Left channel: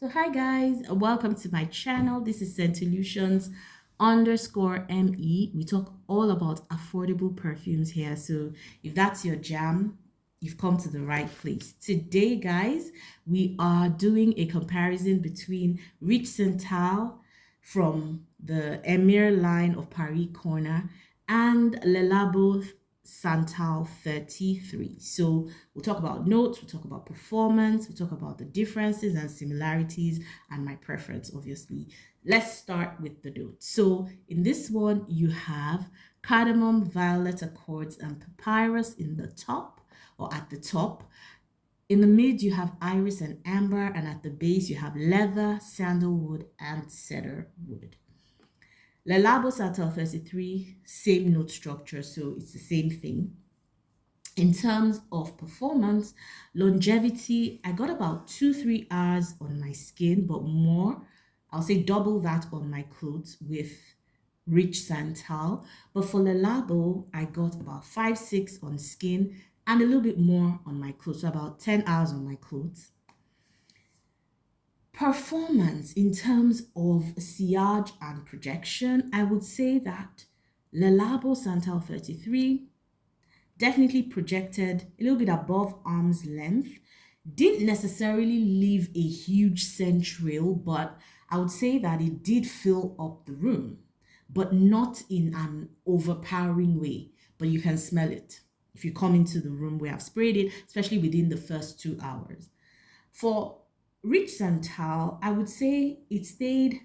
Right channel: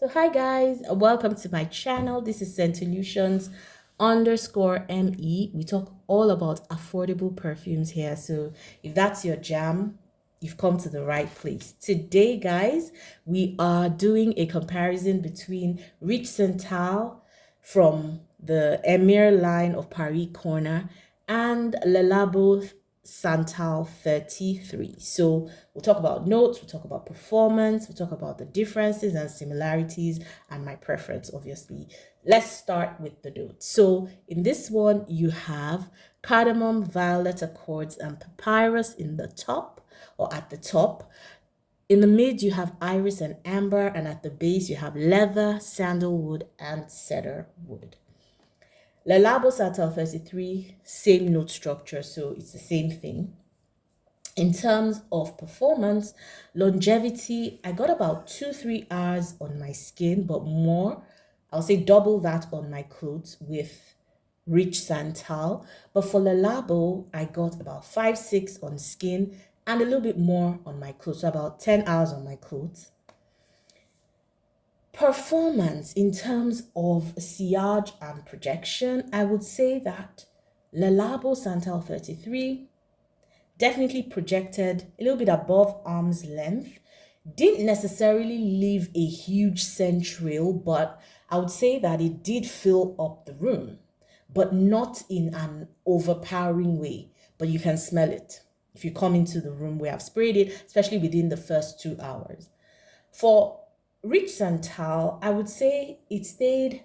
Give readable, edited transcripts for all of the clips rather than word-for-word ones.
So hi guys, welcome to my channel. This is Solutions_ME. We talk all about affordable perfumes here. So if that's your jam, you've come to the right place. Today, guys, we are doing a comparison between Rich Santal from the Emir line of Paris Corner and Le Labo Santal 33. So we'll talk about notes, we'll talk about performance, we'll talk about the differences and similarities and my preference, obviously. Let's start with the notes. So in this one, you have cardamom, violet accords, and papyrus in the top or at the top. In the mid, you have iris and amber, and at the base, you have leather, sandalwood, and cedar wood. Le Labo Santal 33, same note structure, so it's the same thing. In terms of performance, longevity, I got about 2-3 hours on my skin, but more, I'll say double that on my clothes with Rich Santal. But for Le Labo, I got about 5-6 on skin and a little bit more on my clothes, so about 10 hours on my clothes. Performance in terms of sillage and projection, I would say that Le Labo Santal 33 definitely projected a little bit above arm's length. Didn't necessarily leave a huge scent trail, but I would say that it did fill up the room, but not in an overpowering way. But you can smell it if you come into the room where I've sprayed it, especially within the first 2 hours. For Rich Santal, I would say it stayed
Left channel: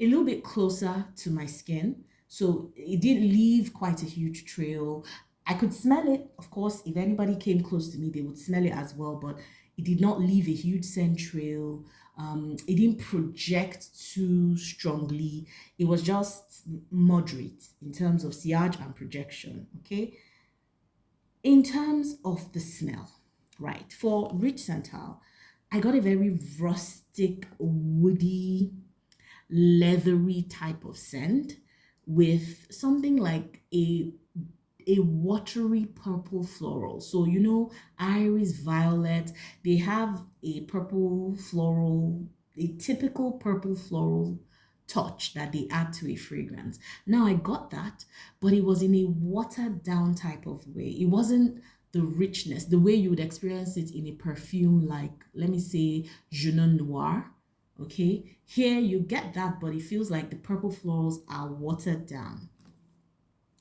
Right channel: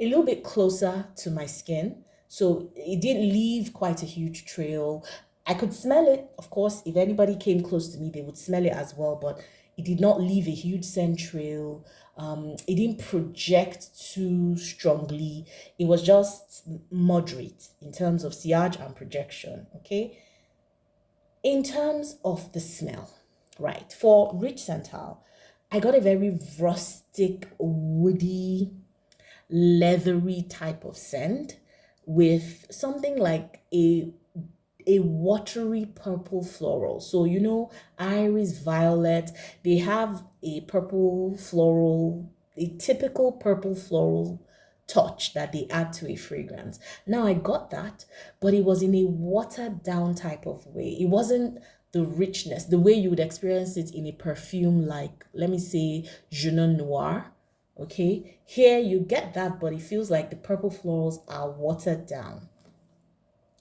a little bit closer to my skin. So it didn't leave quite a huge trail. I could smell it. Of course, if anybody came close to me, they would smell it as well, but it did not leave a huge scent trail. It didn't project too strongly. It was just moderate in terms of sillage and projection, okay? In terms of the smell, right, for Rich Santal, I got a very rustic, woody, leathery type of scent with something like a watery purple floral. So, iris, violet, they have a purple floral, a typical purple floral touch that they add to a fragrance. Now, I got that, but it was in a watered down type of way. It wasn't the richness, the way you would experience it in a perfume like, let me say, Je Noir. Okay, here you get that, but it feels like the purple florals are watered down.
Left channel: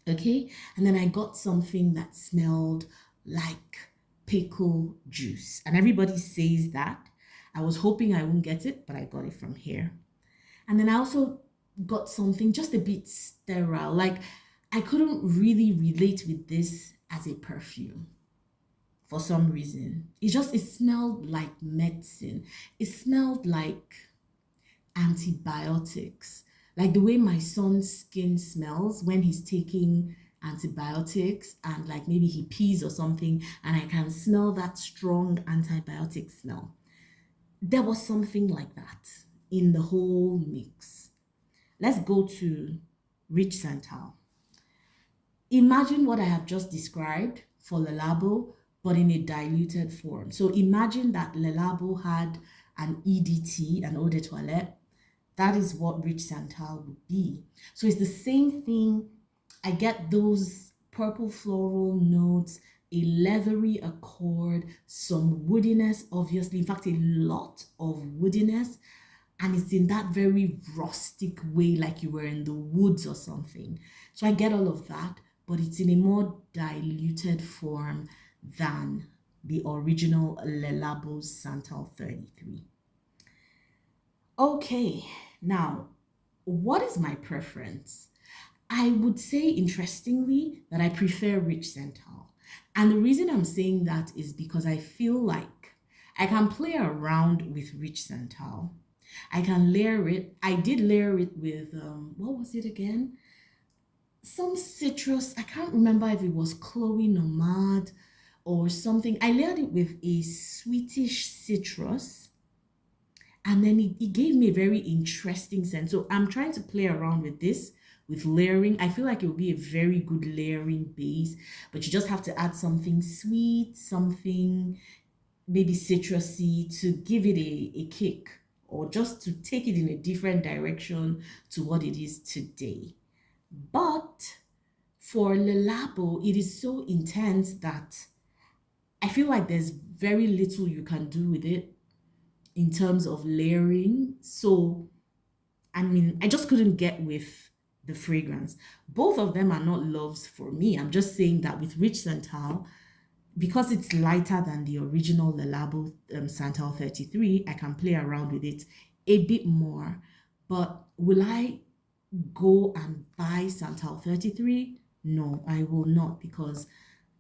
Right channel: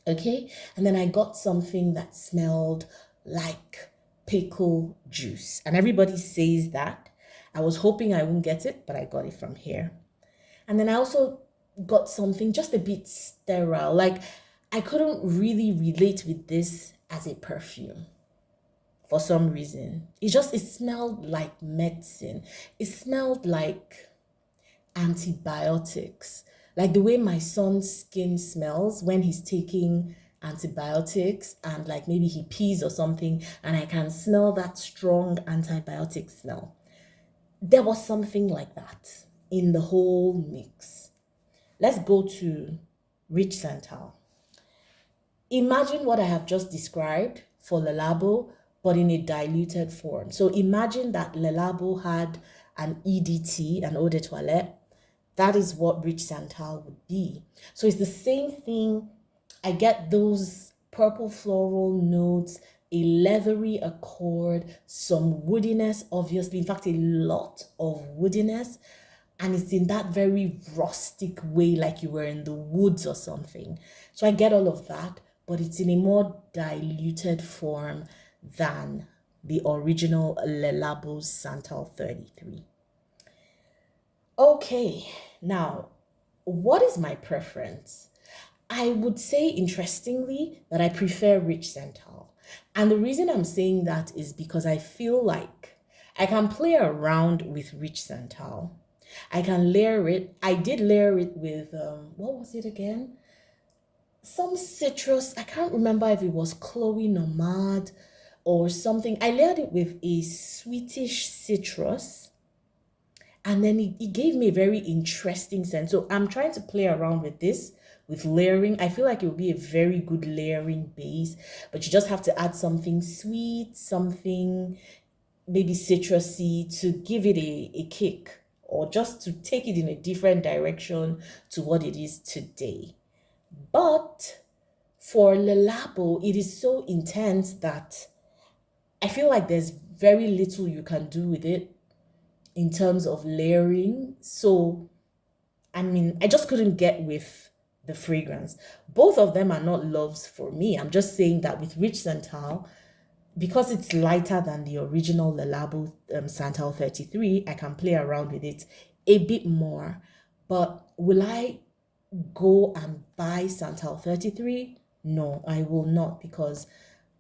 Okay, and then I got something that smelled like pickle juice, and everybody says that. I was hoping I wouldn't get it, but I got it from here. And then I also got something just a bit sterile, like I couldn't really relate with this as a perfume for some reason. It smelled like medicine. It smelled like antibiotics, like the way my son's skin smells when he's taking antibiotics and like maybe he pees or something, and I can smell that strong antibiotic smell. There was something like that in the whole mix. Let's go to Rich Santal. Imagine what I have just described for Le Labo, but in a diluted form. So imagine that Le Labo had an EDT, an eau de toilette. That is what Rich Santal would be. So it's the same thing. I get those purple floral notes, a leathery accord, some woodiness, obviously. In fact, a lot of woodiness. And it's in that very rustic way, like you were in the woods or something. So I get all of that, but it's in a more diluted form than the original Le Labo Santal 33. Okay, now, what is my preference? I would say, interestingly, that I prefer Rich Santal. And the reason I'm saying that is because I feel like I can play around with Rich Santal. I can layer it. I did layer it with, what was it again? Some citrus. I can't remember if it was Chloe Nomad or something. I layered it with a sweetish citrus, and then it gave me a very interesting scent. So I'm trying to play around with this with layering. I feel like it will be a very good layering base, but you just have to add something sweet, something maybe citrusy to give it a kick or just to take it in a different direction to what it is today. But for Le Labo, it is so intense that I feel like there's very little you can do with it in terms of layering. So, I mean, I just couldn't get with the fragrance. Both of them are not loves for me. I'm just saying that with Rich Santal, because it's lighter than the original Le Labo Santal 33, I can play around with it a bit more. But will I go and buy Santal 33? No, I will not, because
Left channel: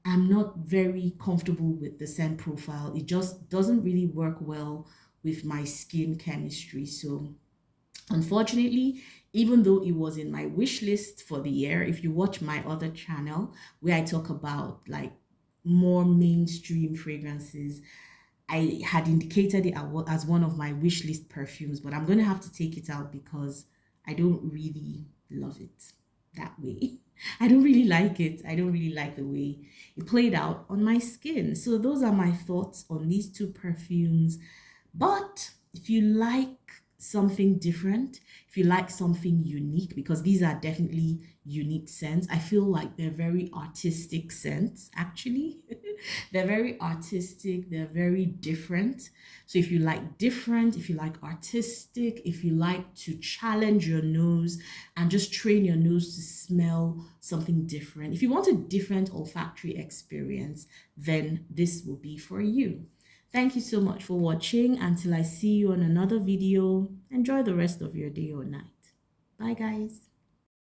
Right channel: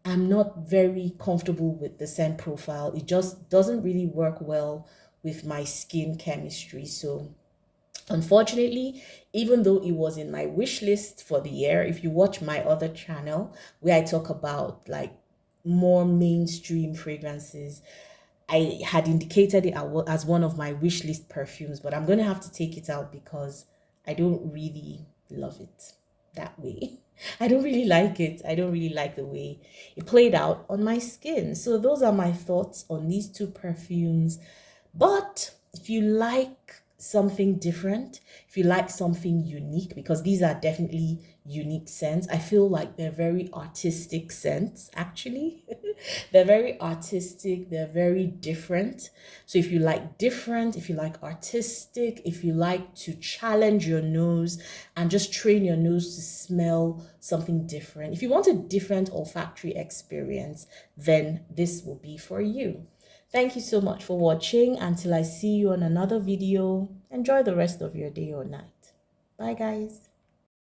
I'm not very comfortable with the scent profile. It just doesn't really work well with my skin chemistry. So unfortunately, even though it was in my wish list for the year, if you watch my other channel where I talk about like more mainstream fragrances, I had indicated it as one of my wish list perfumes, but I'm going to have to take it out because I don't really love it that way. I don't really like it. I don't really like the way it played out on my skin. So those are my thoughts on these two perfumes. But if you like something different, if you like something unique, because these are definitely unique scents, I feel like they're very artistic scents, actually. They're very artistic, they're very different. So if you like different, if you like artistic, if you like to challenge your nose and just train your nose to smell something different, if you want a different olfactory experience, then this will be for you. Thank you so much for watching. Until I see you on another video, enjoy the rest of your day or night. Bye, guys.